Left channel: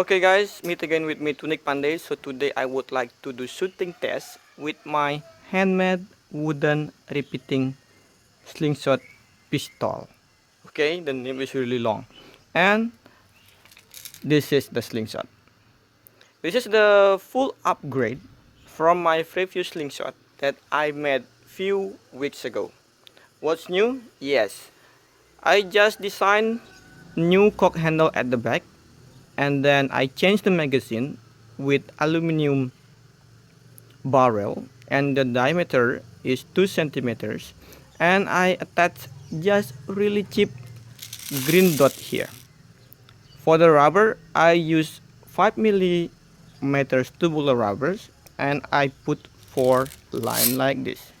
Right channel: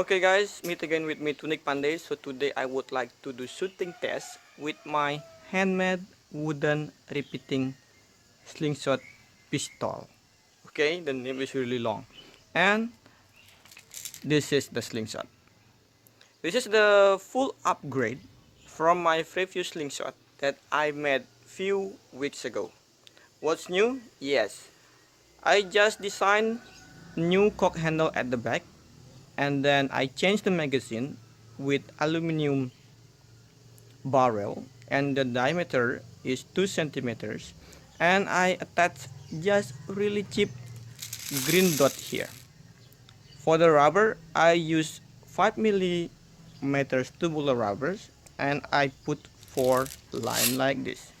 Okay guys, meet again with me Tunik Pandey. So today I would like to do shooting test with my handmade wooden repeating slingshot pistol. Okay, the name is really long. And this is the slingshot. This is the full upgrade from my previous slingshot that I made few weeks ago. What's new? Yes, I just designed new cock handle at the back, and then I changed the magazine with aluminum barrel, and the diameter is 2 centimeters, and I attached just really cheap green dot here. For the rubber I use 5 millimeters tubular rubbers, and I put 4 line like this.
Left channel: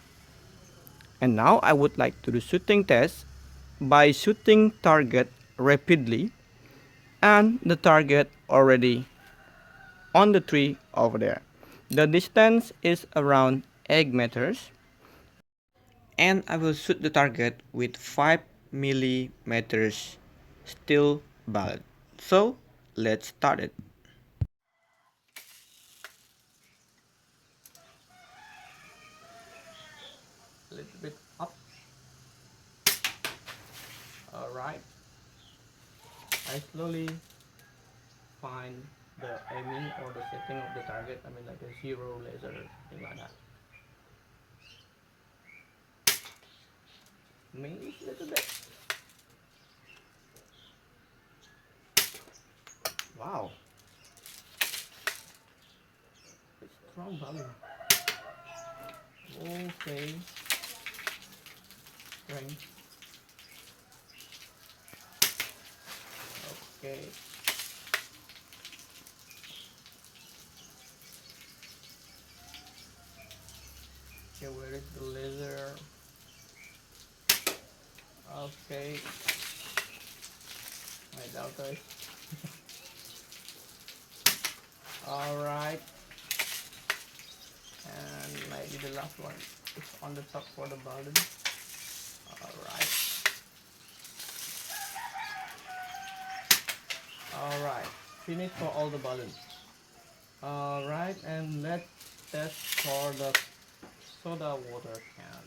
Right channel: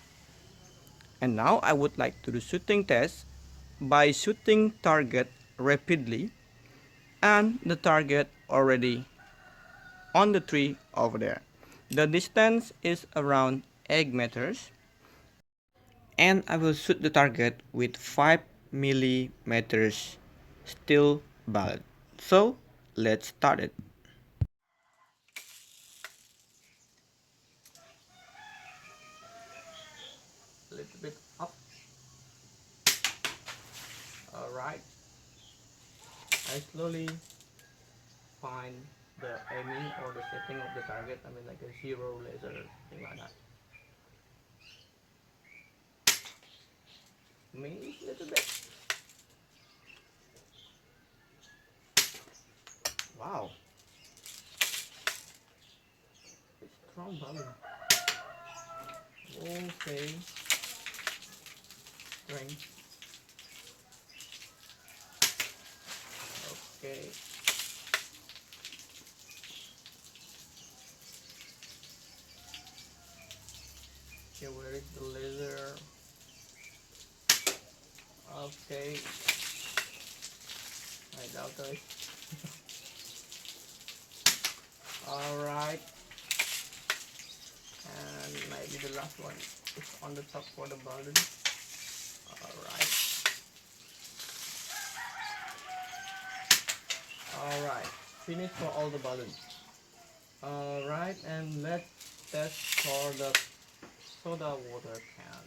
And now I would like to do shooting test by shooting target rapidly, and the target already on the tree over there. The distance is around 8 meters, and I will shoot the target with 5 millimeters steel bullet. So let's start it. A little bit up. Alright. I slowly find the aiming or the setting of the target. I mean like a zero laser, thing like that. Maybe a little bit. Wow. Strong value. Okay. Strength. Okay. Okay, where is the laser? Okay. I doubt it. Alright. And maybe the last one is on the top for the balloon. Alright. Alright. Finish for all the balloons. Alright, and let's test for the soda water can.